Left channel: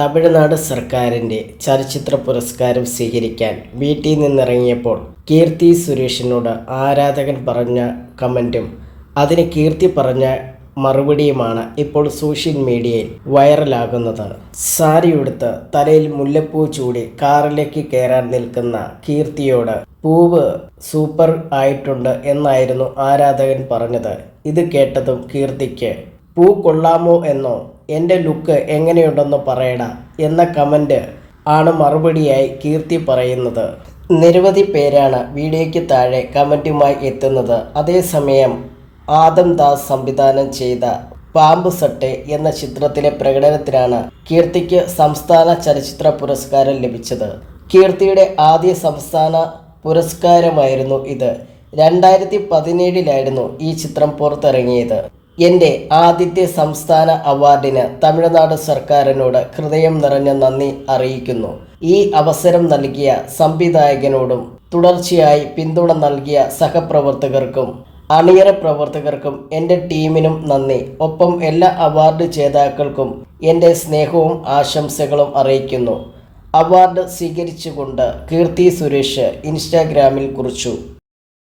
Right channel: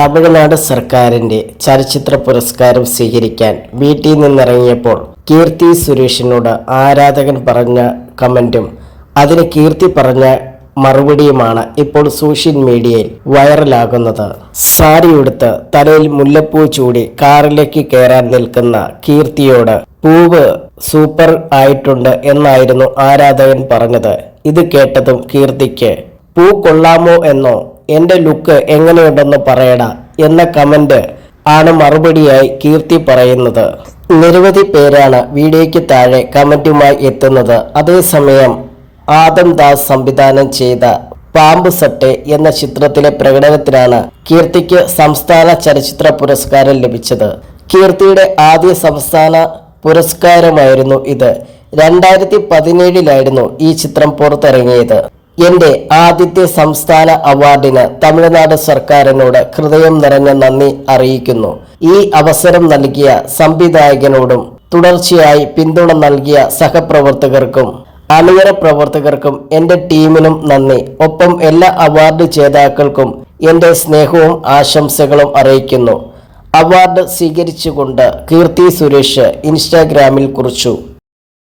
തമിഴ്നാട് സർക്കാരിന്റെ ചലച്ചിത്ര പുരസ്കാരം സ്വീകരിക്കാൻ വീട്ടിൽ നിന്നിറങ്ങിയപ്പോൾ കീർത്തി സുരേഷിനോട് ആരാധകൻ പറഞ്ഞ കമന്റും അതിന് കീർത്തി പറഞ്ഞ മറുപടിയുമാണ് ഇപ്പോൾ സോഷ്യൽ മീഡിയയിൽ വൈറലാകുന്നത്. സാരിയെടുത്ത് തലയിൽ മുല്ലപ്പൂ ചൂടി കാറിലേക്ക് കയറാൻ നിൽക്കുന്ന കീർത്തിയോട് പൂവ് സൂപ്പർ ആയിട്ടുണ്ട് എന്നായിരുന്നു ആരാധകൻ പറഞ്ഞത്. ഇത് കേട്ടതും കീർത്തിക്ക് പൂ കൊള്ളാമോ എന്നോ എന്റെ ലുക്ക് എങ്ങനെയുണ്ടെന്ന് പറയടാ എന്ന കമന്റ് ആണ് മറുപടിയായി കീർത്തി പറയുന്നത്. നിരവധി പേരാണ് വീഡിയോയ്ക്ക് താഴെ കമന്റുമായി എത്തുന്നത്. അതേസമയം ആദം ദാസ് സംവിധാനം ചെയ്ത പാമ്പ് സട്ടെ എന്ന ചിത്രത്തിലെ പ്രകടനത്തിനാണ് കീർത്തിക്ക് സംസ്ഥാന ചലച്ചിത്ര പുരസ്കാരം ലഭിച്ചത്. കീർത്തിയുടെ ആദ്യ സംസ്ഥാന പുരസ്കാരമായിരുന്നു ഇത്. രണ്ടായിരത്തി പതിനേഴിലായിരുന്നു ഈ ചിത്രം പുറത്തിറങ്ങിയത്. എന്റെ ആദ്യത്തെ സംസ്ഥാന അവാർഡിന് തമിഴ്നാട് സർക്കാരിനോട് ഹൃദയം നിറഞ്ഞ നന്ദി അറിയിക്കുന്നു. ഈ അവസരം നൽകിയ സംവിധായകനോടും തുടർച്ചയായി പിന്തുണ നൽകിയ സഹപ്രവർത്തകർക്കും അണിയറ പ്രവർത്തകർക്കും എന്റെ ടീമിനും നന്ദി. ഒപ്പം എല്ലാ അവാർഡ് ജേതാക്കൾക്കും എന്റെ സ്നേഹവും ആശംസകളും അറിയിക്കുന്നു. അവാർഡ് സ്വീകരിച്ചുകൊണ്ട് കീർത്തി സുരേഷ് ഇൻസ്റ്റാഗ്രാമിൽ കുറിച്ചു.